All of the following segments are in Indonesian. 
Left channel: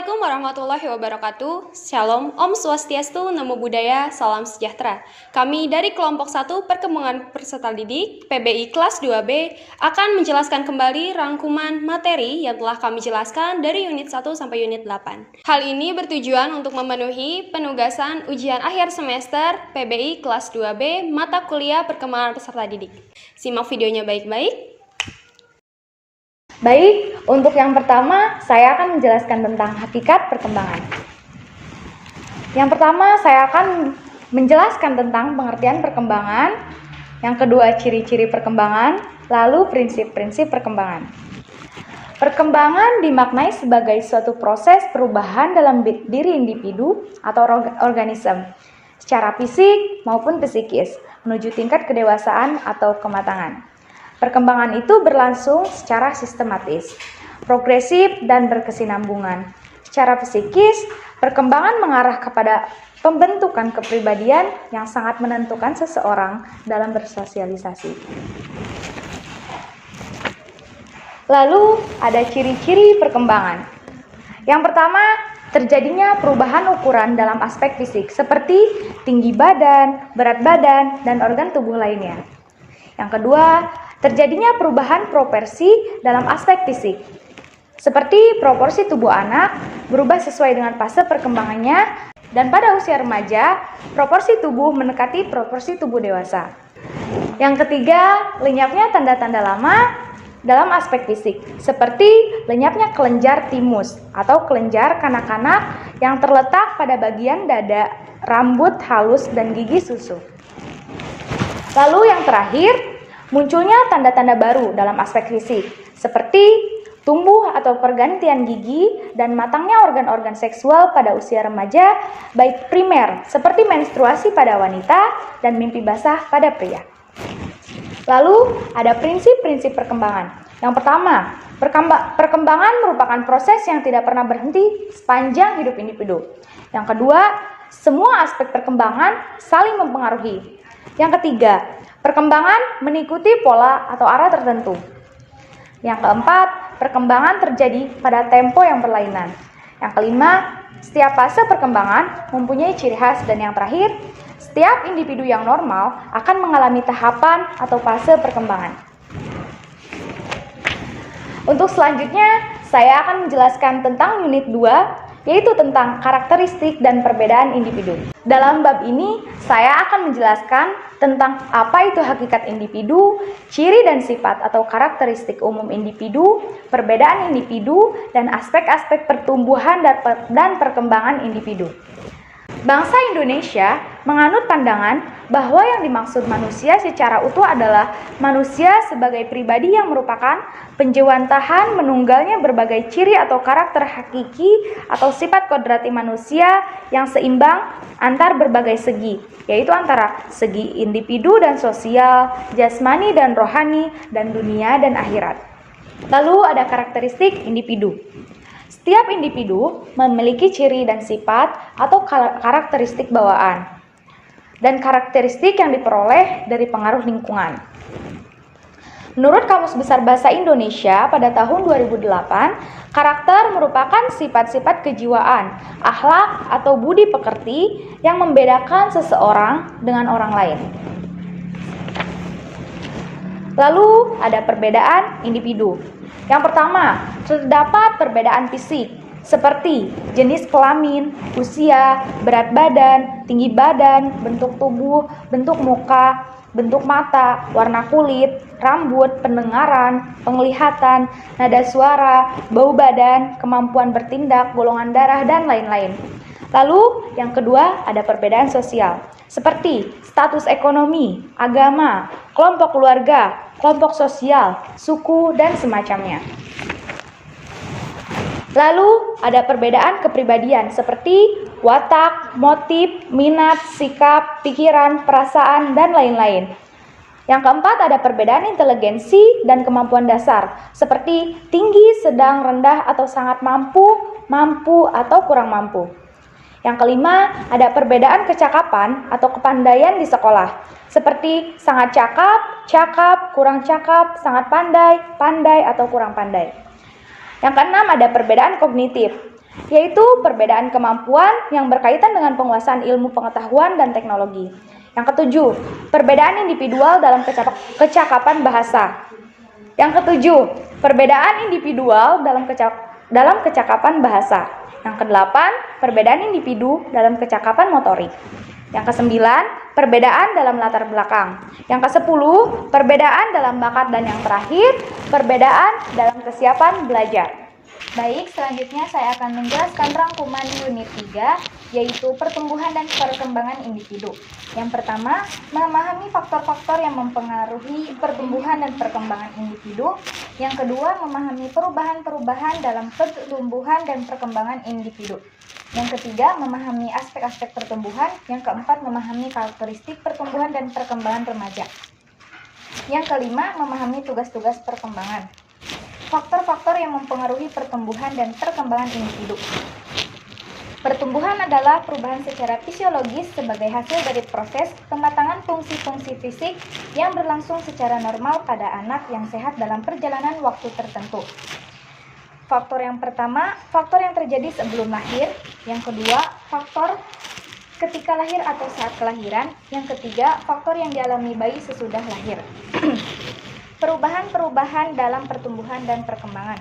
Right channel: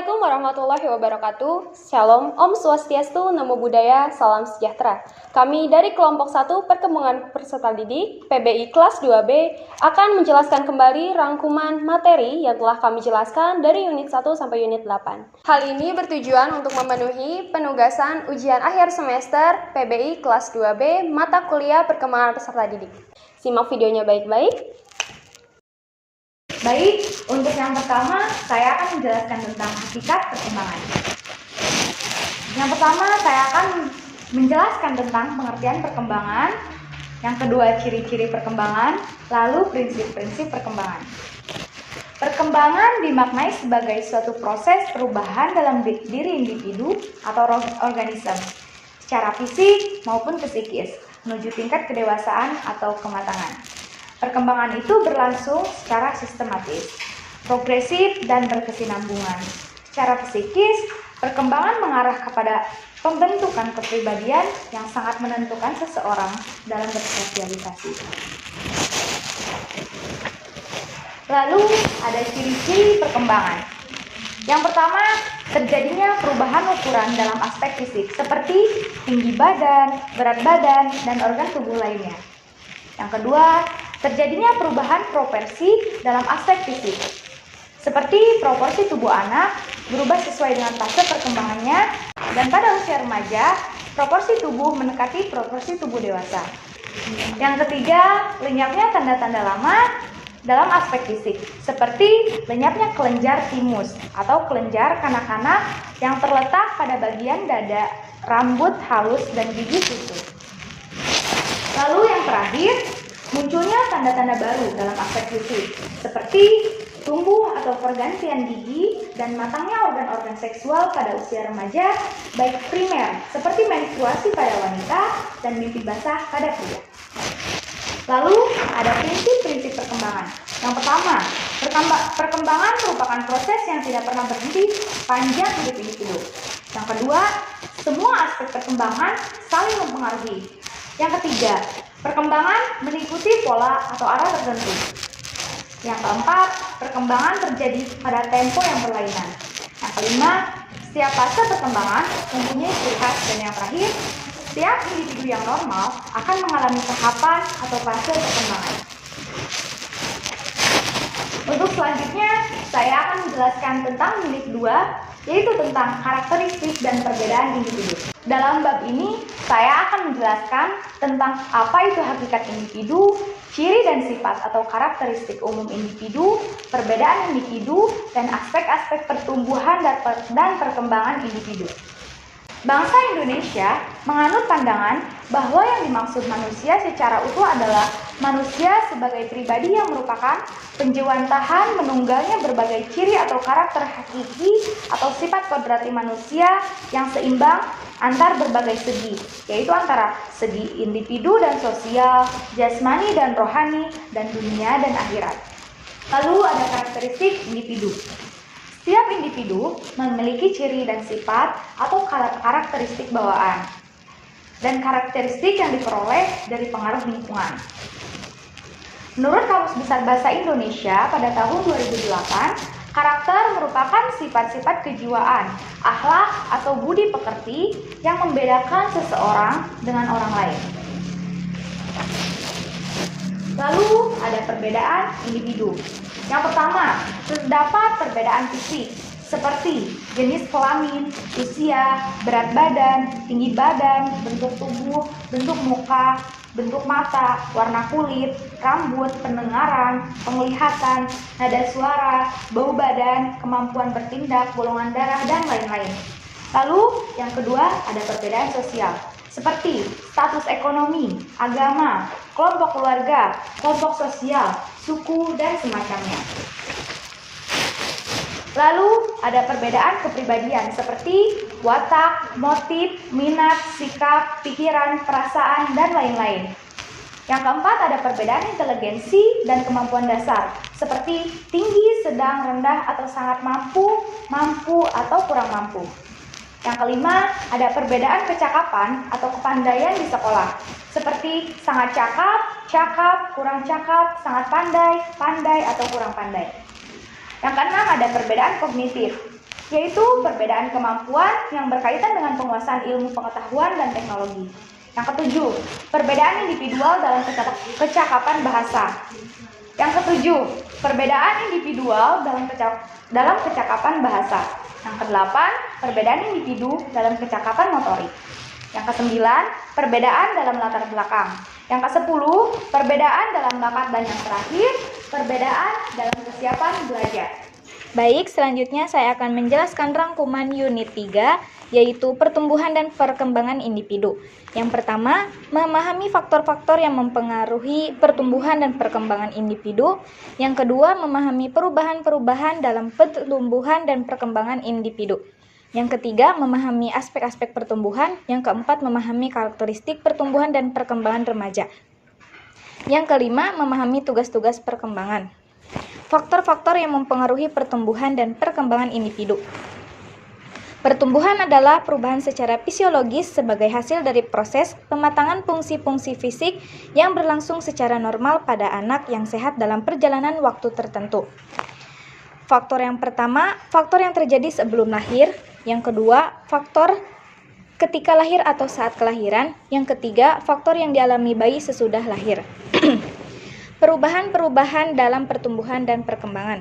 Assalamualaikum warahmatullahi wabarakatuh. Shalom, Om Swastiastu, Namo Buddhaya, Salam Sejahtera. Kami dari kelompok 1 Perkembangan Peserta Didik PBI kelas 2B akan menjelaskan kembali rangkuman materi yang telah kami jelaskan dari unit 1 sampai unit 8. Hal ini bertujuan untuk memenuhi penugasan ujian akhir semester PBI kelas 2B mata kuliah Perkembangan Peserta Didik. Simak videonya baik-baik. Baik, untuk yang pertama, saya akan menjelaskan tentang hakikat perkembangan. Yang pertama, saya akan menjelaskan tentang pengertian perkembangan. Yang kedua, ciri-ciri perkembangan, lalu prinsip-prinsip perkembangan. Perkembangan dimaknai sebagai suatu proses perubahan dalam diri individu atau organisme, secara fisik maupun psikis, menuju tingkat kedewasaan atau kematangan. Perkembangan itu berlangsung secara sistematis, progresif, dan berkesinambungan. Secara psikis, perkembangan mengarah kepada pembentukan kepribadian yang sangat menentukan seseorang dalam bersosialisasi. Lalu, ada ciri-ciri perkembangan. Yang pertama, terjadinya perubahan ukuran dalam aspek fisik, seperti tinggi badan, berat badan, dan organ tubuh lainnya. Yang kedua, terjadinya perubahan proporsi dalam aspek fisik, seperti proporsi tubuh anak berubah sesuai dengan fase perkembangannya, dan pada usia remaja, proporsi tubuh mendekati proporsi tubuh dewasa. Yang ketiga, lenyapnya tanda-tanda lama dalam aspek fisik, seperti lenyapnya kelenjar timus atau kelenjar kanak-kanak yang terletak pada bagian dada, rambut halus, dan gigi susu. Lalu yang terakhir, munculnya tanda-tanda baru dalam aspek fisik, seperti tumbuh atau pergantian gigi dan matangnya organ-organ seksual pada usia remaja, baik primer seperti menstruasi pada wanita dan mimpi basah pada pria. Lalu ada prinsip-prinsip perkembangan. Yang pertama, perkembangan merupakan proses yang tidak pernah berhenti sepanjang hidup individu. Yang kedua, semua aspek perkembangan saling mempengaruhi. Yang ketiga, perkembangan mengikuti pola atau arah tertentu. Yang keempat, perkembangan terjadi pada tempo yang berlainan. Yang kelima, setiap fase perkembangan mempunyai ciri khas. Dan yang terakhir, setiap individu yang normal akan mengalami tahapan atau fase perkembangan. Untuk selanjutnya, saya akan menjelaskan tentang unit 2, yaitu tentang karakteristik dan perbedaan individu. Dalam bab ini, saya akan menjelaskan tentang apa itu hakikat individu, ciri dan sifat atau karakteristik umum individu, perbedaan individu, dan aspek-aspek pertumbuhan dan perkembangan individu. Bangsa Indonesia menganut pandangan bahwa yang dimaksud manusia secara utuh adalah manusia sebagai pribadi yang merupakan penjewantahan menunggalnya berbagai ciri atau karakter hakiki atau sifat kodrati manusia yang seimbang antar berbagai segi, yaitu antara segi individu dan sosial, jasmani dan rohani, dan dunia dan akhirat. Lalu ada karakteristik individu. Setiap individu memiliki ciri dan sifat atau karakteristik bawaan dan karakteristik yang diperoleh dari pengaruh lingkungan. Menurut Kamus Besar Bahasa Indonesia pada tahun 2008, karakter merupakan sifat-sifat kejiwaan, akhlak atau budi pekerti yang membedakan seseorang dengan orang lain. Lalu ada perbedaan individu. Yang pertama, terdapat perbedaan fisik, seperti jenis kelamin, usia, berat badan, tinggi badan, bentuk tubuh, bentuk muka, bentuk mata, warna kulit, rambut, pendengaran, penglihatan, nada suara, bau badan, kemampuan bertindak, golongan darah, dan lain-lain. Lalu, yang kedua, ada perbedaan sosial, seperti status ekonomi, agama, kelompok keluarga, kelompok sosial, suku, dan semacamnya. Lalu ada perbedaan kepribadian seperti watak, motif, minat, sikap, pikiran, perasaan, dan lain-lain. Yang keempat ada perbedaan inteligensi dan kemampuan dasar seperti tinggi, sedang, rendah, atau sangat mampu, mampu, atau kurang mampu. Yang kelima, ada perbedaan kecakapan atau kepandaian di sekolah, seperti sangat cakap, cakap, kurang cakap, sangat pandai, pandai, atau kurang pandai. Yang keenam, ada perbedaan kognitif, yaitu perbedaan kemampuan yang berkaitan dengan penguasaan ilmu pengetahuan dan teknologi. Yang ketujuh, perbedaan individual dalam kecakapan bahasa. Yang ketujuh, perbedaan individual dalam kecakapan bahasa. Yang kedelapan, perbedaan individu dalam kecakapan motorik. Yang kesembilan, perbedaan dalam latar belakang. Yang kesepuluh, perbedaan dalam bakat. Dan yang terakhir, perbedaan dalam kesiapan belajar. Baik, selanjutnya saya akan menjelaskan rangkuman unit 3, yaitu pertumbuhan dan perkembangan individu. Yang pertama, memahami faktor-faktor yang mempengaruhi pertumbuhan dan perkembangan individu. Yang kedua, memahami perubahan-perubahan dalam pertumbuhan dan perkembangan individu. Yang ketiga, memahami aspek-aspek pertumbuhan. Yang keempat, memahami karakteristik pertumbuhan dan perkembangan remaja. Yang kelima, memahami tugas-tugas perkembangan. Faktor-faktor yang mempengaruhi pertumbuhan dan perkembangan individu. Pertumbuhan adalah perubahan secara fisiologis sebagai hasil dari proses pematangan fungsi-fungsi fisik yang berlangsung secara normal pada anak yang sehat dalam perjalanan waktu tertentu. Faktor yang pertama, faktor yang terjadi sebelum lahir. Yang kedua, faktor ketika lahir atau saat kelahiran. Yang ketiga, faktor yang dialami bayi sesudah lahir. Perubahan-perubahan dalam pertumbuhan dan perkembangan.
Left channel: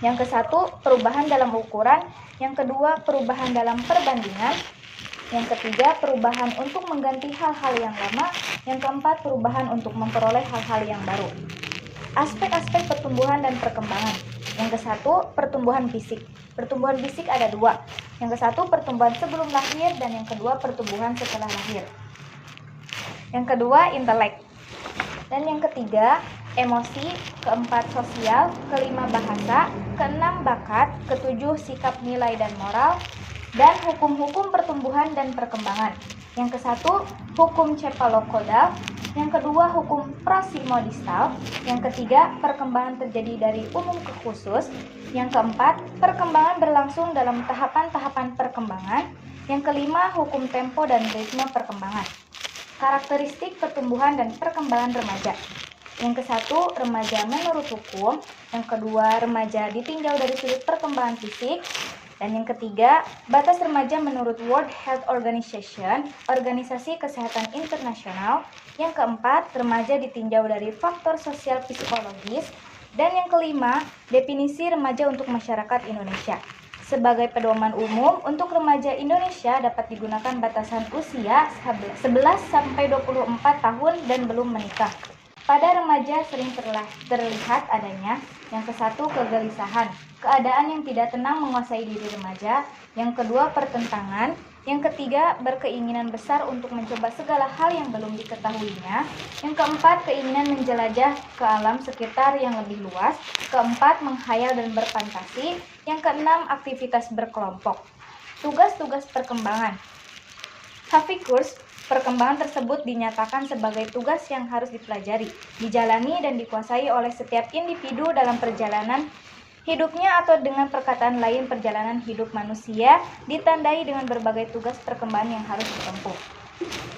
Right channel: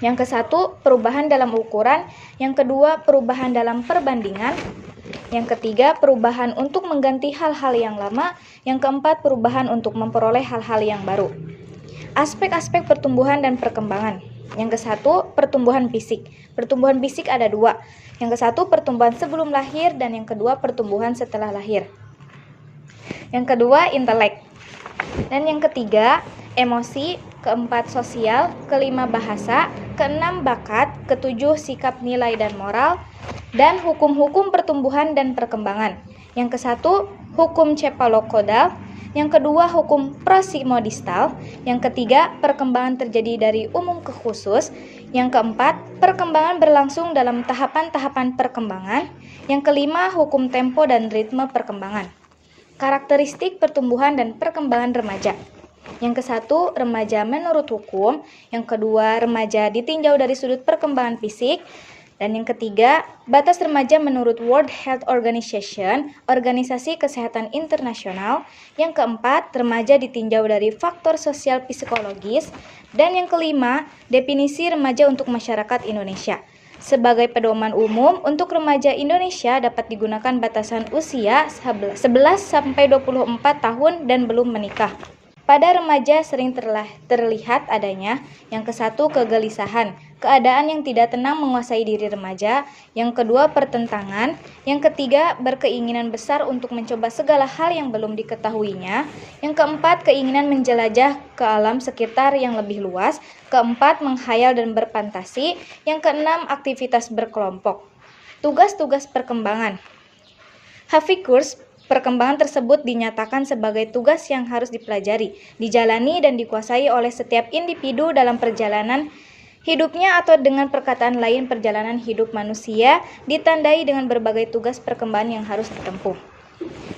Yang kesatu, perubahan dalam ukuran. Yang kedua, perubahan dalam perbandingan. Yang ketiga, perubahan untuk mengganti hal-hal yang lama. Yang keempat, perubahan untuk memperoleh hal-hal yang baru. Aspek-aspek pertumbuhan dan perkembangan. Yang kesatu, pertumbuhan fisik. Pertumbuhan fisik ada dua. Yang kesatu, pertumbuhan sebelum lahir, dan yang kedua, pertumbuhan setelah lahir. Yang kedua, intelek. Dan yang ketiga, emosi. Keempat, sosial. Kelima, bahasa. Keenam, bakat. Ketujuh, sikap, nilai, dan moral. Dan hukum-hukum pertumbuhan dan perkembangan. Yang kesatu, hukum cephalocodal. Yang kedua, hukum prosimodistal. Yang ketiga, perkembangan terjadi dari umum ke khusus. Yang keempat, perkembangan berlangsung dalam tahapan-tahapan perkembangan. Yang kelima, hukum tempo dan ritme perkembangan. Karakteristik pertumbuhan dan perkembangan remaja. Yang kesatu, remaja menurut hukum. Yang kedua, remaja ditinjau dari sudut perkembangan fisik. Dan yang ketiga, batas remaja menurut World Health Organization, Organisasi Kesehatan Internasional. Yang keempat, remaja ditinjau dari faktor sosial psikologis. Dan yang kelima, definisi remaja untuk masyarakat Indonesia. Sebagai pedoman umum, untuk remaja Indonesia dapat digunakan batasan usia 11-24 tahun dan belum menikah. Pada remaja sering terlihat adanya yang kesatu, kegelisahan, keadaan yang tidak tenang menguasai diri remaja. Yang kedua, pertentangan. Yang ketiga, berkeinginan besar untuk mencoba segala hal yang belum diketahuinya. Yang keempat, keinginan menjelajah ke alam sekitar yang lebih luas. Keempat, menghayal dan berfantasi. Yang keenam, aktivitas berkelompok. Tugas-tugas perkembangan. Hafikurs, perkembangan tersebut dinyatakan sebagai tugas yang harus dipelajari, dijalani, dan dikuasai oleh setiap individu dalam perjalanan hidupnya, atau dengan perkataan lain, perjalanan hidup manusia ditandai dengan berbagai tugas perkembangan yang harus ditempuh.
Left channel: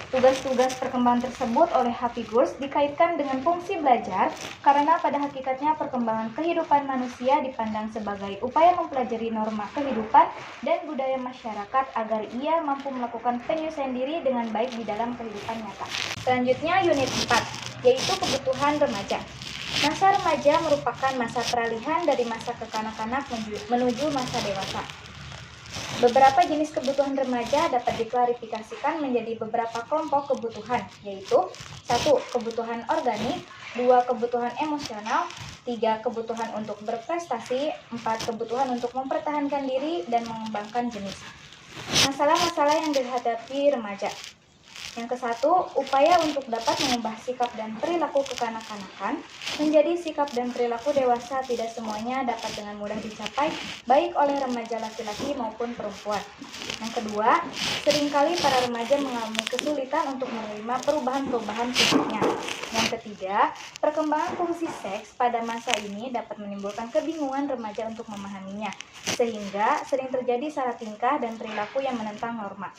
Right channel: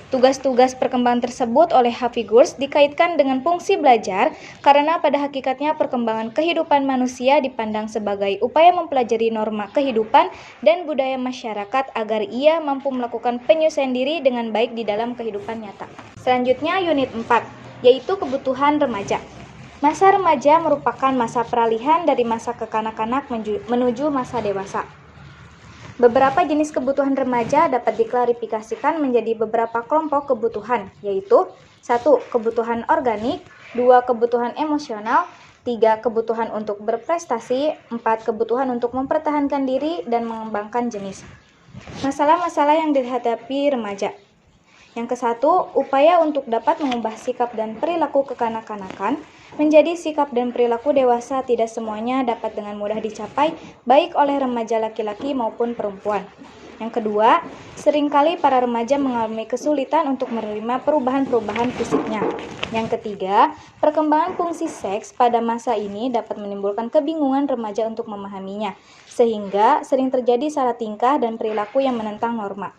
Tugas-tugas perkembangan tersebut oleh Hafikurs dikaitkan dengan fungsi belajar karena pada hakikatnya perkembangan kehidupan manusia dipandang sebagai upaya mempelajari norma kehidupan dan budaya masyarakat agar ia mampu melakukan penyesuaian diri dengan baik di dalam kehidupan nyata. Selanjutnya unit 4, yaitu kebutuhan remaja. Masa remaja merupakan masa peralihan dari masa kekanak-kanak menuju masa dewasa. Beberapa jenis kebutuhan remaja dapat diklarifikasikan menjadi beberapa kelompok kebutuhan, yaitu 1. Kebutuhan organik, 2. Kebutuhan emosional, 3. Kebutuhan untuk berprestasi, 4. Kebutuhan untuk mempertahankan diri dan mengembangkan jenis. Masalah-masalah yang dihadapi remaja. Yang kesatu, upaya untuk dapat mengubah sikap dan perilaku kekanak-kanakan menjadi sikap dan perilaku dewasa tidak semuanya dapat dengan mudah dicapai, baik oleh remaja laki-laki maupun perempuan. Yang kedua, seringkali para remaja mengalami kesulitan untuk menerima perubahan-perubahan fisiknya. Yang ketiga, perkembangan fungsi seks pada masa ini dapat menimbulkan kebingungan remaja untuk memahaminya, sehingga sering terjadi salah tingkah dan perilaku yang menentang norma.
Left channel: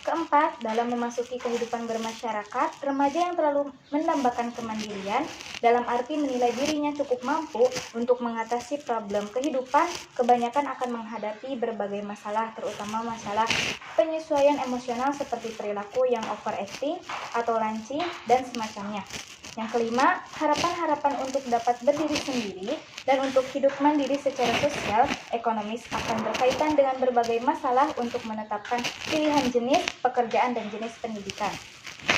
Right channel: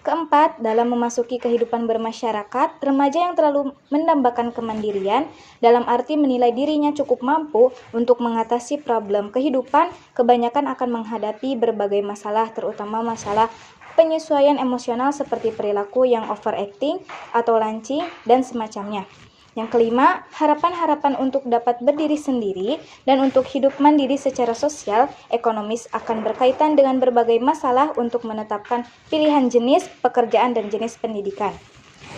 Keempat, dalam memasuki kehidupan bermasyarakat, remaja yang terlalu mendambakan kemandirian dalam arti menilai dirinya cukup mampu untuk mengatasi problem kehidupan, kebanyakan akan menghadapi berbagai masalah, terutama masalah penyesuaian emosional seperti perilaku yang overacting atau lancing dan semacamnya. Yang kelima, harapan-harapan untuk dapat berdiri sendiri dan untuk hidup mandiri secara sosial, ekonomis akan berkaitan dengan berbagai masalah untuk menetapkan pilihan jenis pekerjaan dan jenis pendidikan.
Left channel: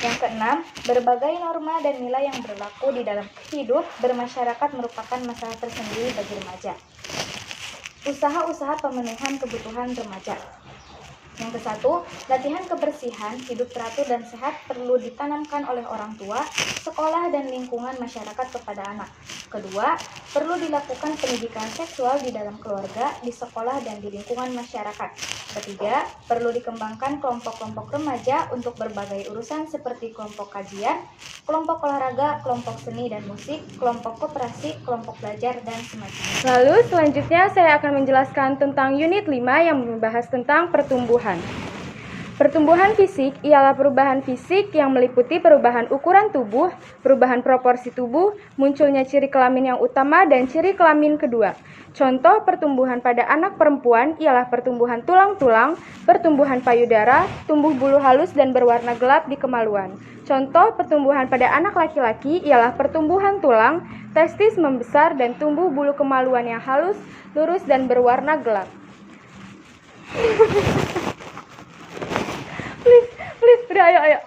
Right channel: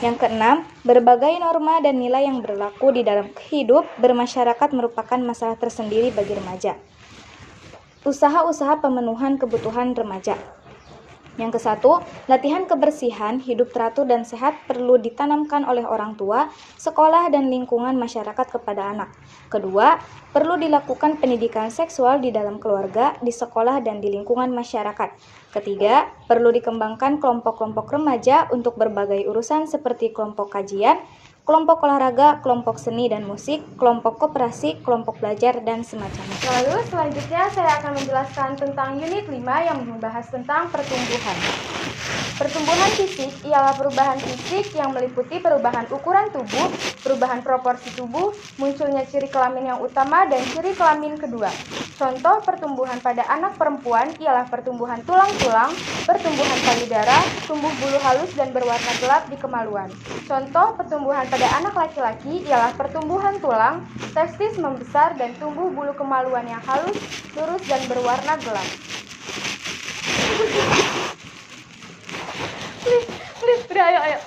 Yang keenam, berbagai norma dan nilai yang berlaku di dalam hidup bermasyarakat merupakan masalah tersendiri bagi remaja. Usaha-usaha pemenuhan kebutuhan remaja. Yang kesatu, latihan kebersihan, hidup teratur dan sehat perlu ditanamkan oleh orang tua, sekolah, dan lingkungan masyarakat kepada anak. Kedua, perlu dilakukan pendidikan seksual di dalam keluarga, di sekolah, dan di lingkungan masyarakat. Ketiga, perlu dikembangkan kelompok-kelompok remaja untuk berbagai urusan seperti kelompok kajian, kelompok olahraga, kelompok seni dan musik, kelompok koperasi, kelompok belajar, dan semacamnya. Lalu selanjutnya saya akan menjelaskan tentang unit 5 yang membahas tentang pertumbuhan. Pertumbuhan fisik ialah perubahan fisik yang meliputi perubahan ukuran tubuh, perubahan proporsi tubuh, munculnya ciri kelamin yang utama dan ciri kelamin kedua. Contoh pertumbuhan pada anak perempuan ialah pertumbuhan tulang-tulang, pertumbuhan payudara, tumbuh bulu halus dan berwarna gelap di kemaluan. Contoh pertumbuhan pada anak laki-laki ialah pertumbuhan tulang, testis membesar dan tumbuh bulu kemaluan yang halus, lurus dan berwarna gelap. Please, udah ayo.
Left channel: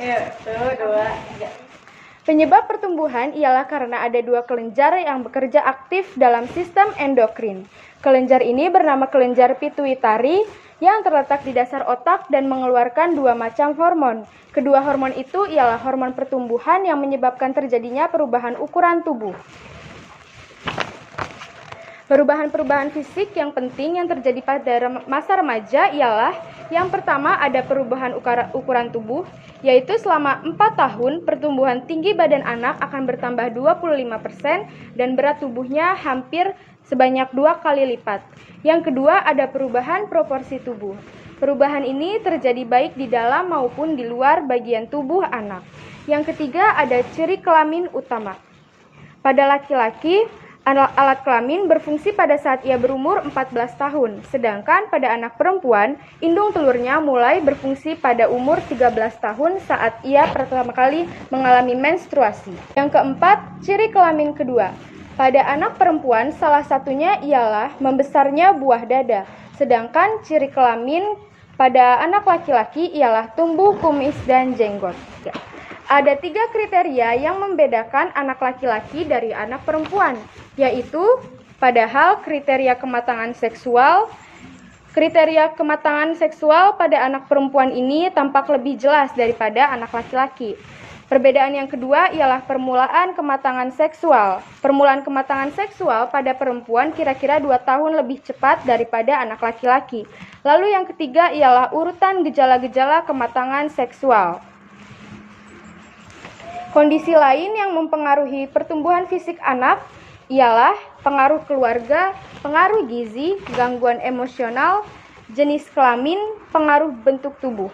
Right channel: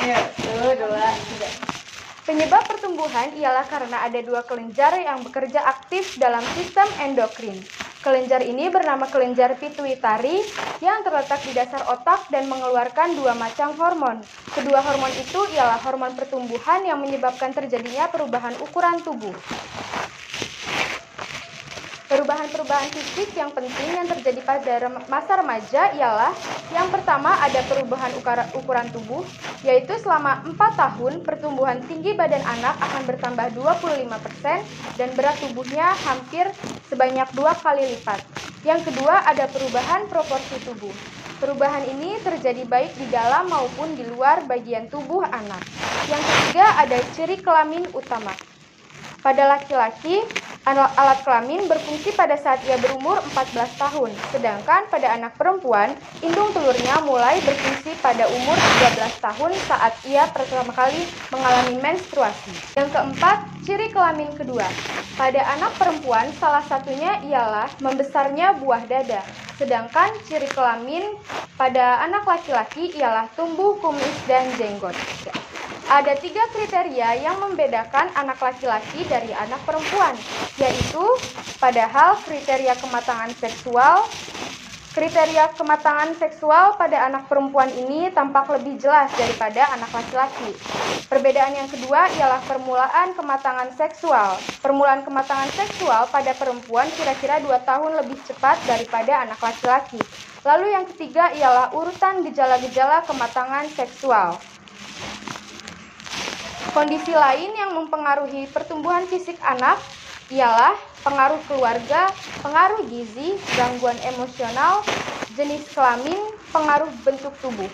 Ya, 1, 2, 3. Penyebab pertumbuhan ialah karena ada dua kelenjar yang bekerja aktif dalam sistem endokrin. Kelenjar ini bernama kelenjar pituitari yang terletak di dasar otak dan mengeluarkan dua macam hormon. Kedua hormon itu ialah hormon pertumbuhan yang menyebabkan terjadinya perubahan ukuran tubuh. Perubahan-perubahan fisik yang penting yang terjadi pada masa remaja ialah yang pertama ada perubahan ukuran tubuh, yaitu selama 4 tahun pertumbuhan tinggi badan anak akan bertambah 25% dan berat tubuhnya hampir sebanyak 2 kali lipat. Yang kedua ada perubahan proporsi tubuh. Perubahan ini terjadi baik di dalam maupun di luar bagian tubuh anak. Yang ketiga ada ciri kelamin utama. Pada laki-laki, alat kelamin berfungsi pada saat ia berumur 14 tahun, sedangkan pada anak perempuan, indung telurnya mulai berfungsi pada umur 13 tahun saat ia pertama kali mengalami menstruasi. Yang keempat, ciri kelamin kedua. Pada anak perempuan, salah satunya ialah membesarnya buah dada, sedangkan ciri kelamin pada anak laki-laki ialah tumbuh kumis dan jenggot. Ada 3 kriteria yang membedakan anak laki-laki dari anak perempuan, yaitu padahal kriteria kematangan seksual pada anak perempuan ini tampak lebih jelas daripada anak laki-laki. Perbedaan yang kedua ialah permulaan kematangan seksual. Permulaan kematangan seksual pada perempuan kira-kira 2 tahun lebih cepat daripada anak laki-laki. Lalu yang ketiga ialah urutan gejala-gejala kematangan seksual. Kondisi lain yang mempengaruhi pertumbuhan fisik anak ialah pengaruh keluarga, pengaruh gizi, gangguan emosional, jenis kelamin, pengaruh bentuk tubuh.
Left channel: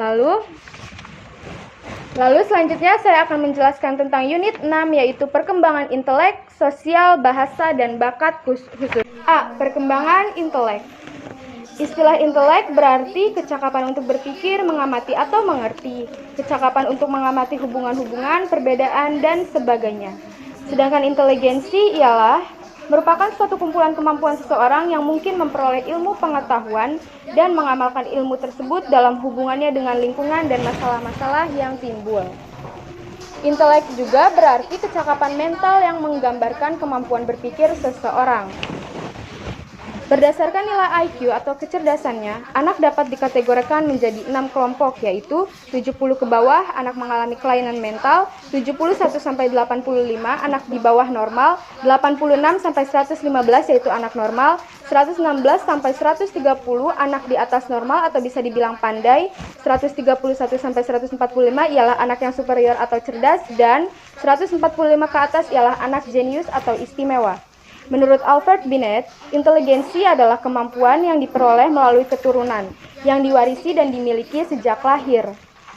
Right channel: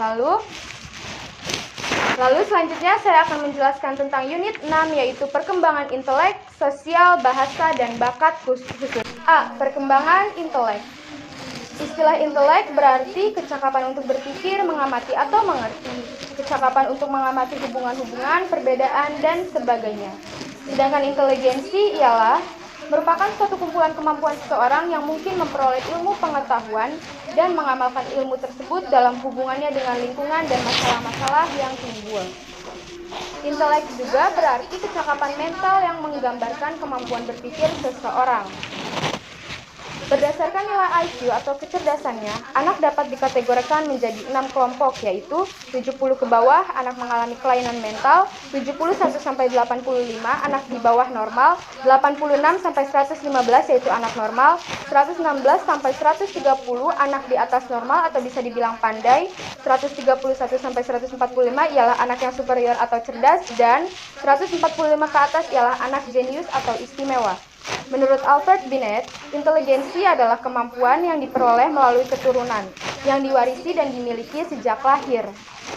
Lalu selanjutnya saya akan menjelaskan tentang unit 6 yaitu perkembangan intelek, sosial, bahasa, dan bakat khusus. A. Perkembangan intelek. Istilah intelek berarti kecakapan untuk berpikir, mengamati atau mengerti, kecakapan untuk mengamati hubungan-hubungan, perbedaan, dan sebagainya. Sedangkan inteligensi ialah merupakan suatu kumpulan kemampuan seseorang yang mungkin memperoleh ilmu pengetahuan dan mengamalkan ilmu tersebut dalam hubungannya dengan lingkungan dan masalah-masalah yang timbul. Intelek juga berarti kecakapan mental yang menggambarkan kemampuan berpikir seseorang. Berdasarkan nilai IQ atau kecerdasannya, anak dapat dikategorikan menjadi 6 kelompok, yaitu 70 ke bawah, anak mengalami kelainan mental, 71 sampai 85, anak di bawah normal, 86 sampai 115 yaitu anak normal, 116 sampai 130 anak di atas normal atau bisa dibilang pandai, 131 sampai 145 ialah anak yang superior atau cerdas, dan 145 ke atas ialah anak jenius atau istimewa. Menurut Albert Binet, inteligensi adalah kemampuan yang diperoleh melalui keturunan, yang diwarisi dan dimiliki sejak lahir.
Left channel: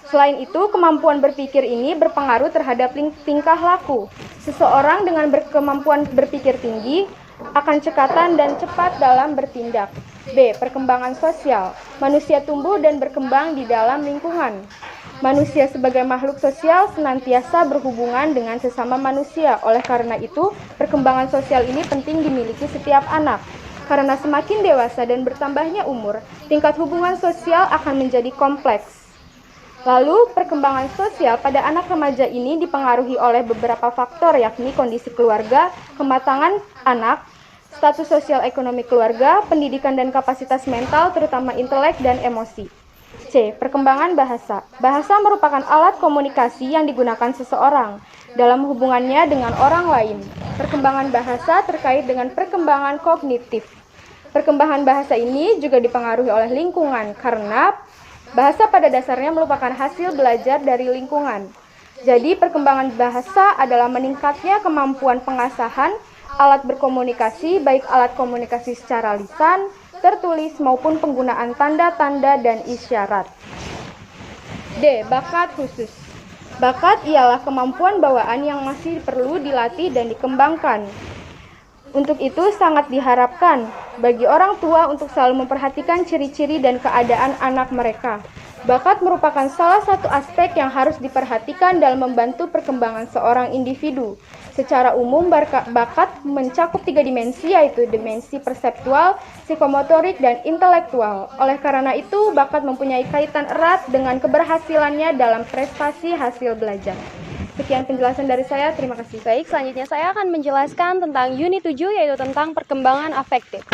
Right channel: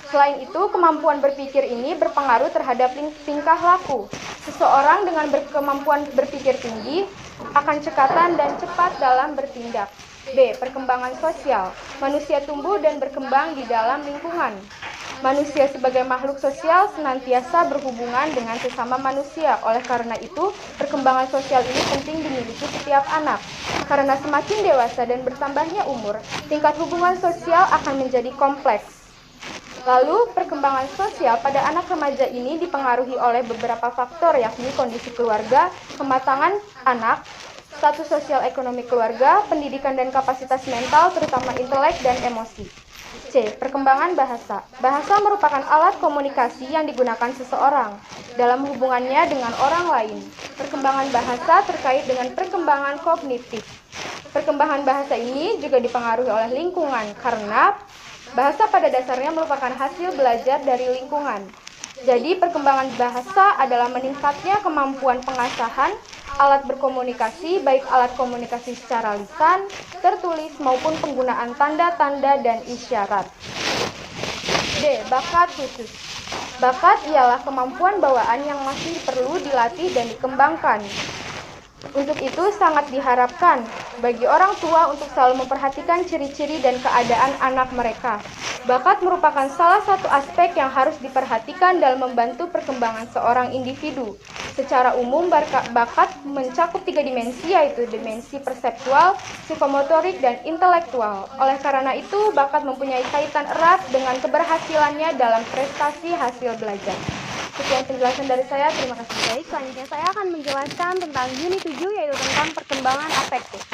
Selain itu, kemampuan berpikir ini berpengaruh terhadap tingkah laku. Seseorang dengan kemampuan berpikir tinggi akan cekatan dan cepat dalam bertindak. B. Perkembangan sosial. Manusia tumbuh dan berkembang di dalam lingkungan. Manusia sebagai makhluk sosial senantiasa berhubungan dengan sesama manusia. Oleh karena itu, perkembangan sosial ini penting dimiliki setiap anak. Karena semakin dewasa dan bertambahnya umur, tingkat hubungan sosial akan menjadi kompleks. Lalu, perkembangan sosial pada anak remaja ini dipengaruhi oleh beberapa faktor, yakni kondisi keluarga, kematangan anak, status sosial ekonomi keluarga, pendidikan dan kapasitas mental, terutama intelek dan emosi. C. Perkembangan bahasa. Bahasa merupakan alat komunikasi yang digunakan seseorang dalam hubungannya dengan orang lain. Perkembangan bahasa terkait dengan perkembangan kognitif. Perkembangan bahasa ini juga dipengaruhi oleh lingkungan karena bahasa pada dasarnya merupakan hasil belajar dari lingkungan. Jadi, perkembangan bahasa adalah meningkatnya kemampuan pengasahan alat berkomunikasi, baik alat komunikasi secara lisan, tertulis, maupun penggunaan tanda-tanda dan isyarat. D. Bakat khusus. Bakat ialah kemampuan bawaan yang masih perlu dilatih dan dikembangkan. Untuk itu sangat diharapkan bagi orang tua untuk selalu memperhatikan ciri-ciri dan keadaan anak mereka. Bakat merupakan salah satu aspek yang harus diperhatikan dalam membantu perkembangan seorang individu. Secara umum, bakat mencakup 3 dimensi, yaitu dimensi perseptual, psikomotorik, dan intelektual. Oleh karena itu, bakat mempunyai kaitan erat dengan keberhasilannya dalam prestasi hasil belajar. Sekian penjelasan dari saya, terima kasih. Baik, selanjutnya saya akan menjelaskan tentang unit 7, yaitu tentang perkembangan afektif.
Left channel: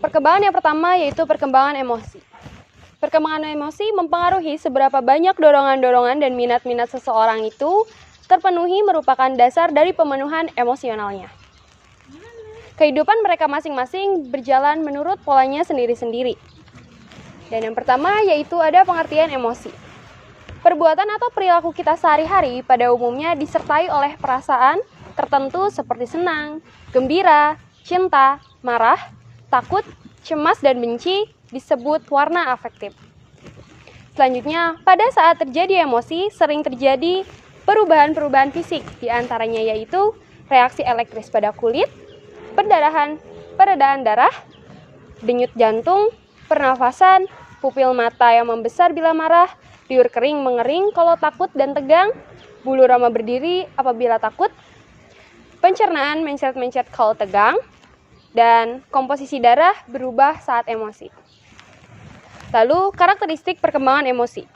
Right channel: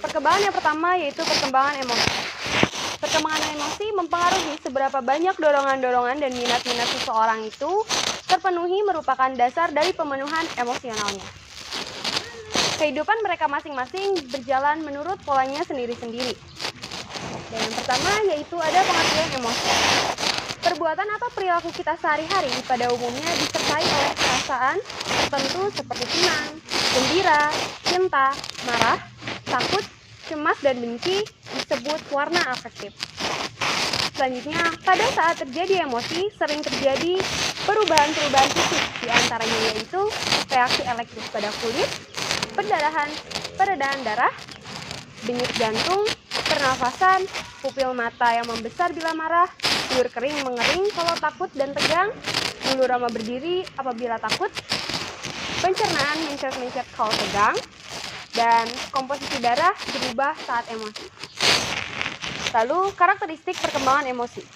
Perkembangan yang pertama yaitu perkembangan emosi. Perkembangan emosi mempengaruhi seberapa banyak dorongan-dorongan dan minat-minat seseorang itu terpenuhi merupakan dasar dari pemenuhan emosionalnya. Kehidupan mereka masing-masing berjalan menurut polanya sendiri-sendiri. Dan yang pertama yaitu ada pengertian emosi. Perbuatan atau perilaku kita sehari-hari pada umumnya disertai oleh perasaan tertentu seperti senang, gembira, cinta, marah, takut, cemas, dan benci disebut warna afektif. Selanjutnya, pada saat terjadi emosi, sering terjadi perubahan-perubahan fisik, diantaranya yaitu reaksi elektris pada kulit, peredaran darah, denyut jantung, pernafasan, pupil mata yang membesar bila marah, liur kering mengering kalau takut dan tegang, bulu roma berdiri apabila takut, pencernaan mencret-mencret kalau tegang, dan komposisi darah berubah saat emosi. Lalu, karakteristik perkembangan emosi,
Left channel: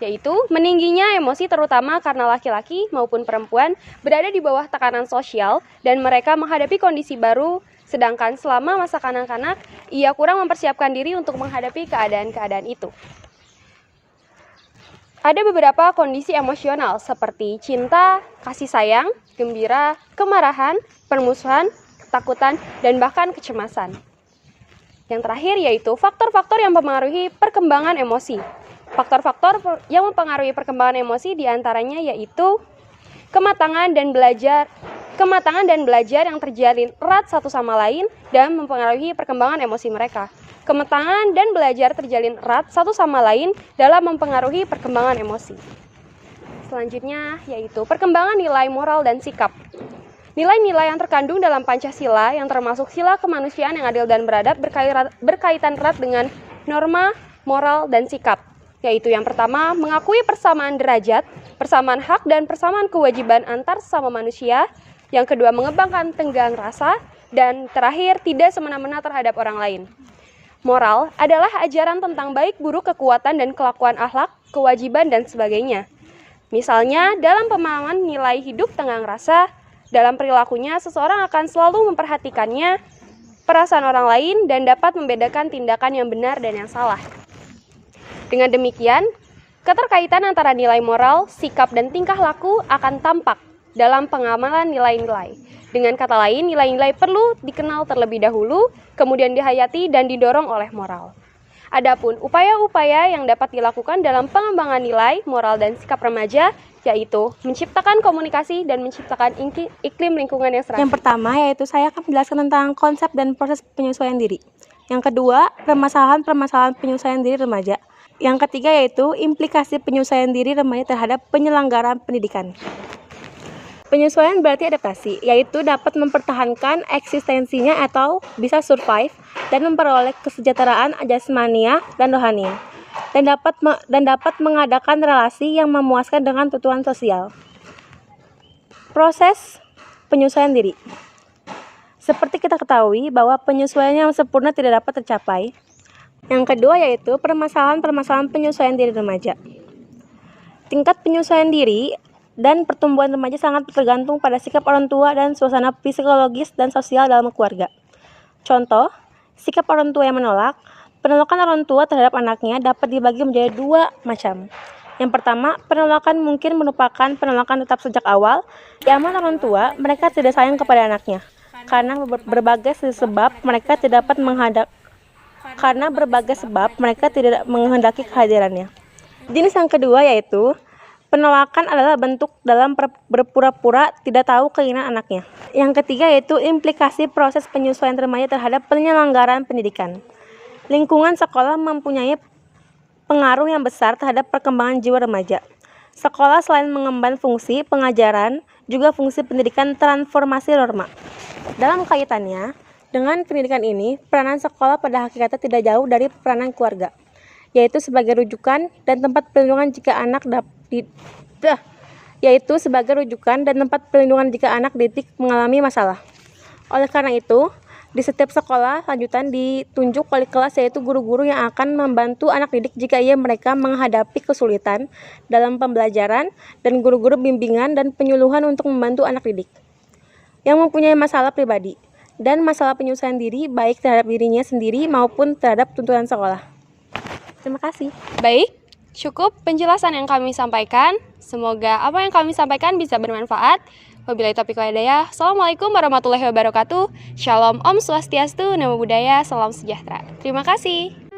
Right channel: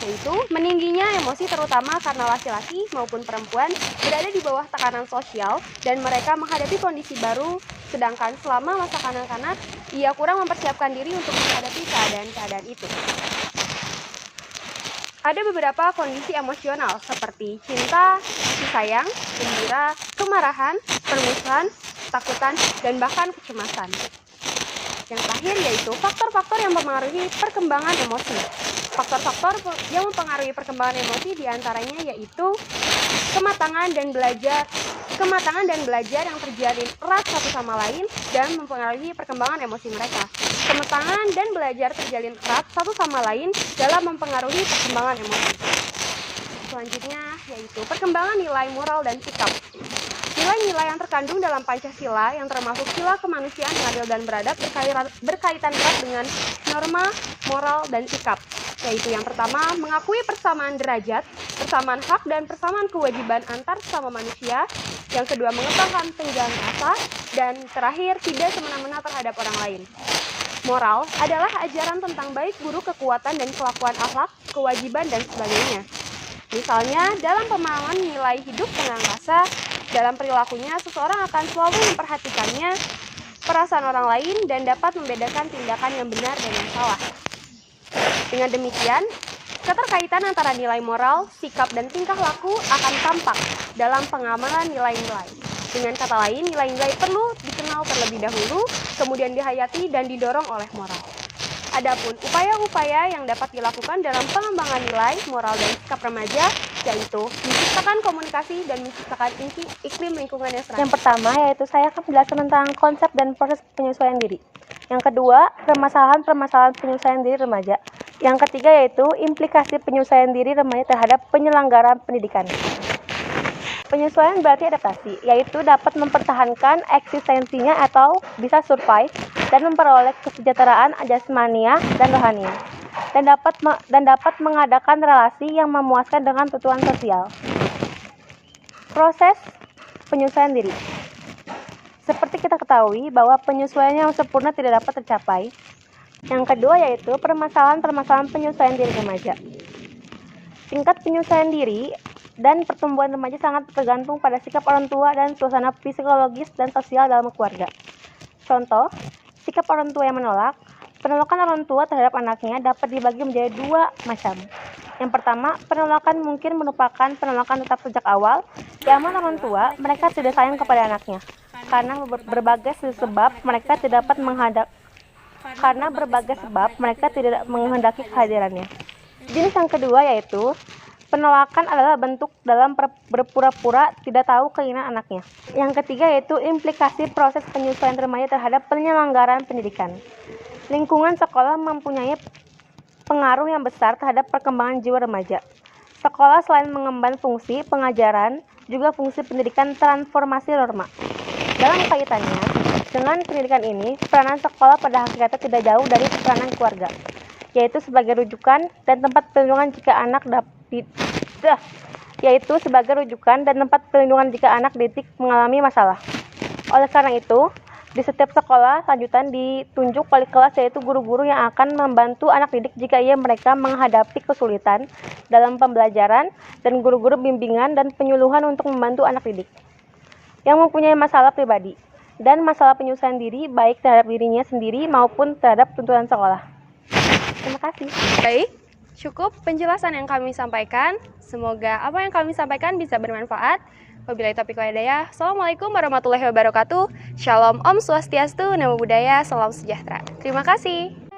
yaitu meningginya emosi terutama karena laki-laki maupun perempuan berada di bawah tekanan sosial dan mereka menghadapi kondisi baru, sedangkan selama masa kanak-kanak, ia kurang mempersiapkan diri untuk menghadapi keadaan-keadaan itu. Ada beberapa kondisi emosional seperti cinta, kasih sayang, gembira, kemarahan, permusuhan, takutan, dan bahkan kecemasan. Yang terakhir yaitu faktor-faktor yang mempengaruhi perkembangan emosi. Faktor-faktor yang mempengaruhi perkembangan emosi diantaranya yaitu kematangan dan belajar yang terjalin erat satu sama lain dan mempengaruhi perkembangan emosi mereka. Kematangan dan belajar terjalin erat satu sama lain dalam mempengaruhi perkembangan emosi. Selanjutnya yaitu perkembangan nilai moral dan sikap. Nilai-nilai yang terkandung dalam Pancasila yang termasuk sila kemanusiaan yang adil dan beradab berkaitan erat dengan norma, moral, dan sikap. Yaitu yang pertama, mengakui persamaan derajat, persamaan hak, dan persamaan kewajiban antar sesama manusia. Yang kedua, mengembangkan tenggang rasa. Dan terakhir, tidak semena-mena terhadap orang lain. Moral adalah ajaran tentang baik buruk, kekuatan, dan kelakuan akhlak, kewajiban, dan sebagainya. Misalnya, dalam pemahaman nilai hidup tenggang rasa, dalam perilakunya, seseorang akan selalu memperhatikannya, perasaan orang lain, dan dapat membedakan tindakan yang benar dan yang salah. Dengan demikian, keterkaitan antara nilai moral, sikap, dan tingkah laku akan tampak dalam pengamalan nilai-nilai. Dengan kata lain, nilai-nilai perlu dikenal terlebih dahulu, kemudian dihayati dan didorong oleh moral. Adapun upaya-upaya yang dapat dilakukan dalam pengembangan nilai, moral, dan sikap remaja yaitu menciptakan komunikasi dan menciptakan iklim lingkungan yang serat. Yang pertama yaitu saya akan menjelaskan tentang konsep dan proses penyesuaian diri. Yang kedua, permasalahan penyesuaian diri remaja. Yang ketiga yaitu implikasi penyesuaian diri remaja terhadap penyelenggaraan pendidikan. Penyesuaian berarti adaptasi, yaitu dapat mempertahankan eksistensinya atau bisa survive dan memperoleh kesejahteraan jasmania dan rohania, dan dapat mengadakan relasi yang memuaskan dengan kebutuhan sosial. Proses penyesuaian diri. Seperti kita ketahui bahwa penyesuaian yang sempurna tidak dapat tercapai. Yang kedua yaitu permasalahan penyesuaian diri remaja. Tingkat penyesuaian diri dan pertumbuhan remaja sangat tergantung pada sikap orang tua dan suasana psikologis dan sosial dalam keluarga. Contoh, sikap orang tua yang menolak. Penolakan orang tua terhadap anaknya dapat dibagi menjadi dua macam. Yang pertama, penolakan mungkin merupakan penolakan tetap sejak awal. Yang mana orang tua, mereka tidak sayang kepada anaknya. Karena berbagai sebab mereka tidak menghendaki kehadirannya. Jenis yang kedua yaitu penolakan adalah bentuk dalam berpura-pura tidak tahu keinginan anaknya. Yang ketiga yaitu implikasi proses penyesuaian remaja terhadap penyelenggaraan pendidikan. Lingkungan sekolah mempunyai pengaruh yang besar terhadap perkembangan jiwa remaja. Sekolah selain mengemban fungsi pengajaran, juga fungsi pendidikan transformasi norma. Dalam kaitannya dengan pendidikan ini, peranan sekolah pada hakikatnya tidak jauh dari peranan keluarga, yaitu sebagai rujukan dan tempat perlindungan jika anak mengalami masalah. Oleh karena itu, di setiap sekolah lanjutan ditunjuk wali kelas yaitu guru-guru yang akan membantu anak didik jika mereka menghadapi kesulitan dalam pembelajaran dan guru-guru bimbingan dan penyuluhan untuk membantu anak didik yang mempunyai masalah pribadi dan masalah penyesuaian diri baik terhadap dirinya sendiri maupun terhadap tuntutan sekolah. Terima kasih. Baik, cukup penjelasan yang kami sampaikan. Semoga apa yang kami sampaikan bisa bermanfaat. Wabillahi taufiq wal hidayah. Assalamualaikum warahmatullahi wabarakatuh. Shalom, Om Swastiastu, Namo Buddhaya, Salam Sejahtera. Terima kasih.